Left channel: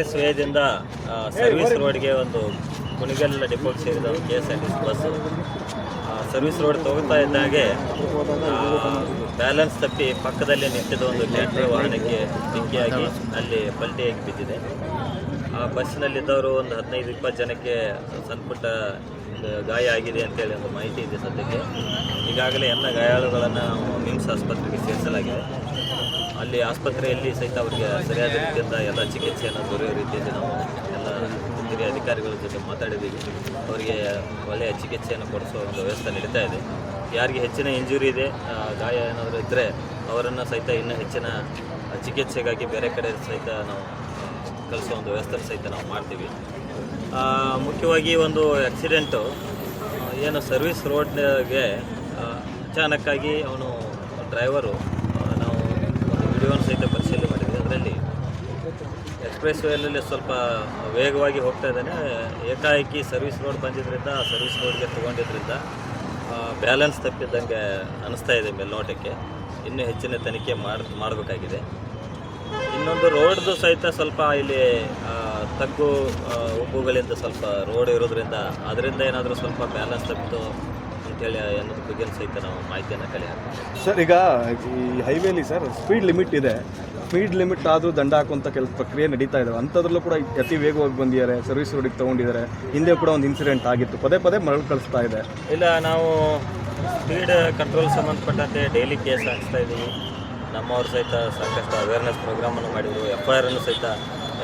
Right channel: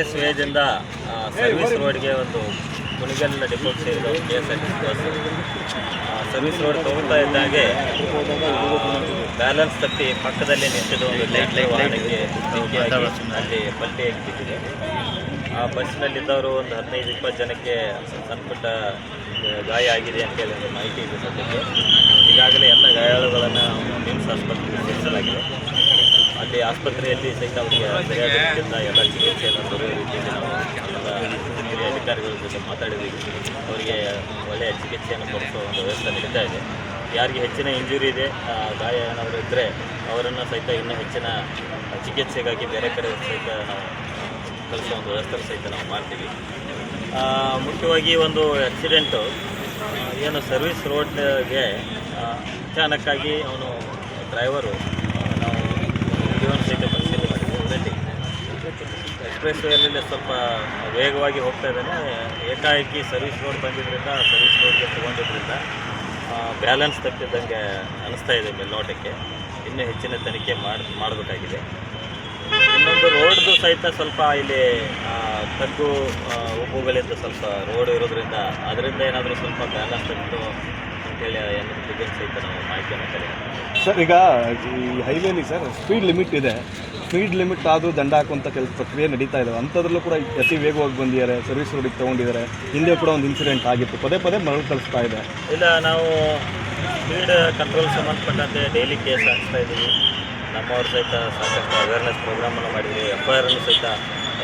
Express ವೇದಿಂದ service ರೋಡ್ಗೆ ಒಂದು ಮುನಿಗಲ್ depot ಸೇರಿದ K S R T C bus service road ತೋರ್ತಾ ಇದ್ದಾಗೆ ಬ್ಯಾಲೆನ್ಸ್ ತಪ್ಪಿ ಪಕ್ಕದಲ್ಲಿ ನಿಂತಿದ್ದ ಒಂದು ಲೈಟ್ ವಾಹನಕ್ಕೆ ಅಲ್ಲಿ ಬಟ್ಟೆ ಬಿದ್ದಿದೆ ಆ ಬಸ್ಸಿನಲ್ಲಿದ್ದವರು ಒಂದು ಹದಿನೈದು, ಇಪ್ಪತ್ತು ಜನಕ್ಕೆ ಸಣ್ಣಪುಟ್ಟ ಗಾಯ ಆಗಿದೆ ಅಂತೇಳಿ ಒಂದು ಮಾಹಿತಿ ಇದೆ ಸದ್ಯಕ್ಕೆ. ಈಗಾಗಲೇ ಎಲ್ಲ ಗಾಯಾಳುಗಳನ್ನು ಮಿಮ್ಸ್ ಆಸ್ಪತ್ರೆಗೆ ಸೇರಿಸಲಾಗಿದೆ. ಅಲ್ಲಿ ಆಸ್ಪತ್ರೆಯಲ್ಲಿ ಸಹಿತ ಅವರಿಗೆ ಸರಿಯಾದ ರೀತಿಯಿಂದ ಎಲ್ಲ ಚಿಕಿತ್ಸೆಯನ್ನು ದೊರೆಯುವ ರೀತಿಯಲ್ಲಿ ನಾವು ಹಿರಿಯ ಅಧಿಕಾರಿಗಳ ಜೊತೆ ಮಾತಾಡಿದ್ದೀವಿ ಅವರಿಗೆ ಒಳ್ಳೆಯ ಚಿಕಿತ್ಸೆಯನ್ನು ಕೊಡಿಸುವ ಒಂದು ವ್ಯವಸ್ಥೆ ನಡೀತಾ ಇದೆ. ಯಾರಿಗೆ ಹೆಚ್ಚಿನ ಇಂಜುರಿ ಇದೆ ಗಾಯ ಏನಾದರೂ ಇದ್ದರೆ ಅವರನ್ನು ಸಹಿತ ಇನ್ನೂ ಹೆಚ್ಚಿನ ಚಿಕಿತ್ಸೆಗಾಗಿ ಬೇರೆ ಕಡೆ ಸಹಿತ ನಾವು ಕಳಿಸೋ ಒಂದು ವ್ಯವಸ್ಥೆ ಸಹಿತ ನಾವು ಮಾಡ್ತೀವಿ. ಮುಖ್ಯವಾಗಿ ಒಂದು ಆಕ್ಸಿಡೆಂಟು ಏನು ಸರ್ವಿಸ್ ರೋಡ್ಗೆ ಅಚಾನಕ್ಕಾಗಿ ಅವನು ಡ್ರೈವರು ನಾವು ವಿಡಿಯೋನ ಸಹಿತ ಪರಿಶೀಲನೆ ಮಾಡಿದ್ವಿ ಇದರಲ್ಲಿ ಎಕ್ಸ್ಪ್ರೆಸ್ ವೇಯಲ್ಲಿ ಸ್ವಲ್ಪ ವೇಗವಾಗಿ ಹೋಗ್ತಾ ಇದ್ದಾನೆ. ಏಕಾಏಕಿ ಸರ್ವಿಸ್ ರೋಡ್ ತಂದಿದ್ದರಿಂದ ಸರ್ವಿಸ್ ರೋಡ್ಗೆ ತೊಗೊಂಡಿದ್ದರಿಂದ ಬ್ಯಾಲೆನ್ಸ್ ತಪ್ಪಿದ್ದಂಗೆ ಅನಿಸ್ತಾ ಇದೆ ಮೇಲ್ನೋಟಕ್ಕೆ. ಇನ್ನೂ ಹೆಚ್ಚಿನ ತನಿಖೆ ಮಾಡಿ, ಮಾಡಬೇಕಾಗಿದೆ. ಇನ್ನೊಂದು ರೋಡ್ದು ಸಹಿತ ಸ್ವಲ್ಪ ಇಲ್ಲಿ ತಗ್ಗು ಉಬ್ಬುಗಳಿಂದ ಸ್ವಲ್ಪ ರೋಡ್ ಇರೋದ್ರಿಂದ ಅದರಿಂದ ಏನಾದರೂ ಸ್ವಲ್ಪ ಬ್ಯಾಲೆನ್ಸ್ ತಪ್ಪಿತು ಅಂತೇಳಿ ಅನ್ನೋದ್ರ ಬಗ್ಗೆ ಸಹಿತ ನಾವು ಮಾಹಿತಿಯನ್ನು ಕಲೆ ಸರ್, ಈಗ ಈ ಹೈವೇಲಿ ಸರ್, ಸ್ಪೀಡ್ ಲಿಮಿಟ್ ಇದೆ. ಸ್ಪೀಡ್ ಲಿಮಿಟ್ ಆದರೂ ದಂಡ ಹಾಕುವಂಥ ಕೆಲಸ ಪ್ರಕ್ರಿಯೆ ನಡೀತಾ ಇದೆ. ಅಂಥದ್ರಲ್ಲೂ ಕೂಡ ಅತಿ ವೇಗವಾಗಿ ಬಂದಿದ್ದಾರೆ ಸರ್ವಿಸ್ ರೋಡಿಗೆ ತೊಗೊಂಡಿದ್ದಾರೆ. ಹಿಂದೆ ಕೂಡ ಒಂದು ಇನ್ಸಿಡೆಂಟ್ ಆಗಿತ್ತು. ಪದೇ ಪದೇ ಮರಳು ಕಳಿಸ್ತಾ ಇದೆ. ಇಲ್ಲ, ನಾವು ಸ್ಪೀಡ್ ಕಂಟ್ರೋಲ್ ಸಂಬಂಧಪಟ್ಟಂತೆ ಡೈಲಿ ಕೇಸ್ ಹಾಕ್ಸ್ತಾ ಇದ್ದೀವಿ. ನಮ್ಮವ್ರು ಸಹಿತ ಸಾಕಷ್ಟು ಅವೇರ್ನೆಸ್ ಪ್ರೋಗ್ರಾಮನ್ನು ಮಾಡಿದ್ದೀವಿ. ಎಫ್ ಐ ಆರನ್ನು ಸಹಿತ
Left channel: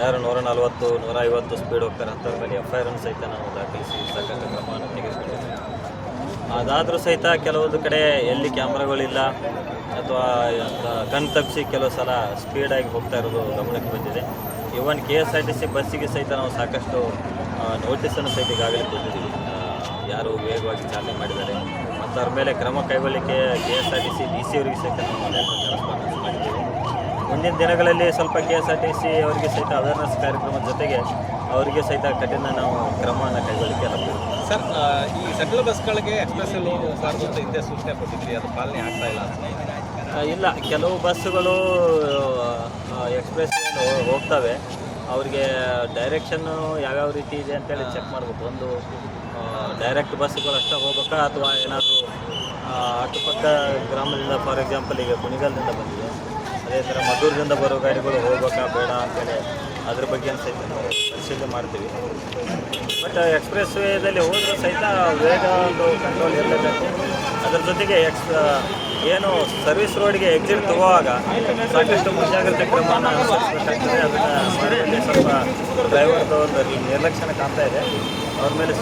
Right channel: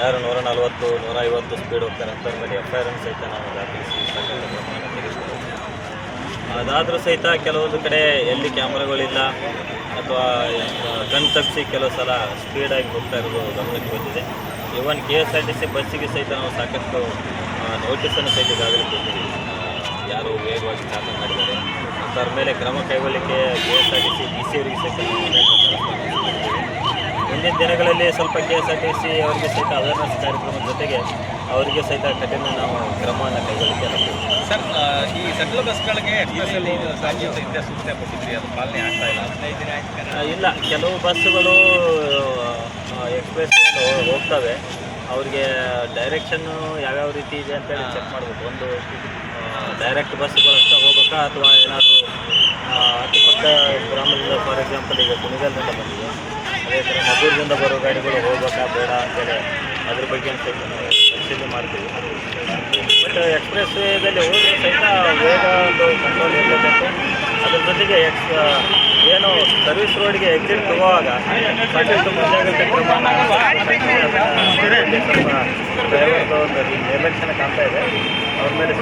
ಯಾರು ನೂರ ನಲವತ್ತು, ನೂರ ಐವತ್ತು ಸ್ಪೀಡ್ ಹೋಗ್ತಾರೆ ಅಂತ ಮೇಲೆ ಎಫ್ ಐ ಆರನ್ನು ಸಹಿತ ನಾವು ದಾಖಲಿಸಿ ಸಾಕಷ್ಟು ಕ್ರಮವನ್ನು ತೆಗೆದುಕೊಳ್ಳಿ ಅದಾದರೂ ಸಹಿತ ಕೆಲವೊಂದು ಕಡೆ ಎಲ್ಲಿ ಕ್ಯಾಮ್ರಾಗಳಿಲ್ಲ ಅಥವಾ ಕಣ್ ತಪ್ಪಿಸಿ ಕೆಲವು ಸಲ ಸ್ಪೀಡಾಗಿ ಹೋಗ್ತಾ ಇರೋದು ಗಮನಕ್ಕೆ ಬಂದಿದೆ. Even K S R T C ಬಸ್ಸಿಗೆ ಸಹಿತ ನಾವು ಸಾಕಷ್ಟು ನೋಟಿಸನ್ನು ಸಹಿತ ಈಗಾಗಲೇ ಕೊಟ್ಟಿದ್ದೀವಿ. ಯಾರು ವೇಗವಾಗಿ ಚಾಲನೆ ಮಾಡಿದ್ದಾರೆ. ಅಂಥವ್ರ ಮೇಲೆ ಕ್ರಮ ಕೈಗೊಳ್ಳಿಕ್ಕೆ K S R T C D C ಅವರಿಗೆ ಸಹಿತ ನಾವು ಅನೇಕ correspondence ಮಾಡಿದ್ದೀವಿ ಮುಂದಿನ ದಿನಗಳಲ್ಲಿ ಸ್ವಲ್ಪ K S R T C ಅವರಿಗೆ ಸಹಿತ ಅವೇರ್ನೆಸ್ ಕಾರ್ಯಕ್ರಮದ ಜೊತೆಗೆ ಅವರಿಗೆ ಸಹಿತ ಕಠಿಣ ನಾವು ಕ್ರಮವನ್ನು ಕೈಗೊಳ್ಳಲಿಕ್ಕೆ ನಾವು ಸರ್ ಈ ಸಕಲ ಬಸ್ಗಳಿಗೆ ಎಕ್ಸ್ಪ್ರೆಸ್ಸಲ್ಲಿ ಸಾಂಕೇತಿಕ ಹಿಂದೆ ಸೂಚನೆ ಕೊಟ್ಟಿದ್ರಿ ಅದು ಪಾಲನೆ ಆಗ್ತಾ ಇಲ್ಲ? ಇಲ್ಲ ಕೆಲವು ಬಸ್ಸುಗಳು ಎಕ್ಸ್ಪ್ರೆಸ್ ಹೋಗ್ತವೆ. ಅವ್ರಿಗೆ ಡೈರೆಕ್ಷನ್ನು ಯಾವ್ಯಾವ ರೀತಿ ಇದೆ ಅಂತೇಳಿ ಚೆಕ್ ಮಾಡಬೇಕು. ಒಂದು ಡೈರೆಕ್ಟ್ ಬಸ್ಸುಗಳು ಅಷ್ಟೇ ಹೋಗ್ಬೇಕಾ? ಅಥವಾ ಏನಾದರೂ ಅಕ್ಕಪಕ್ಕ ಗ್ರಾಮದಿಂದ ಫಾರ್ ಎಕ್ಸಾಂಪಲ್ ಈಗ ಕುಣಿಗಲ್ದಿಂದ ಬಂದಿದೆ ಮದ್ದೂರಿನಿಂದ ಬರೋ ಗಾಡಿಗಳು ಹೋಗ್ಬೇಕಾ ಬೇಡ ಅಂತೇಳಿ ಅದ್ರ ಬಗ್ಗೆ ಅಂತ ಪರಿಶೀಲನೆ ಮಾಡ್ತೀವಿ. ಬಟ್ ಎಕ್ಸ್ಪ್ರೆಸ್ ವೇದಲ್ಲಿ ಹೋದ್ರೆ ಸಹಿತ ವೇಗ ಒಂದು ಕಂಟ್ರೋಲ್ ಇರಲೇಬೇಕು. ಅದ್ರ ಜೊತೆಗೆ ಎಕ್ಸ್ ಏನು ಸರ್ವಿಸ್ ರೋಡ್ಗೆ ಎಕ್ಸಿಟ್ ತಗೋವಾಗ ಸಾಕಷ್ಟು ಮುಂಜಾಗ್ರತೆ ಕ್ರಮ ಸ್ವಲ್ಪ ಡ್ರೈವರ್ದು ಒಂದು ನಿರ್ಲಕ್ಷ್ಯನ ಕಾಣ್ತಾ ಇದೆ. ಅವ್ರ ಮೇಲೆ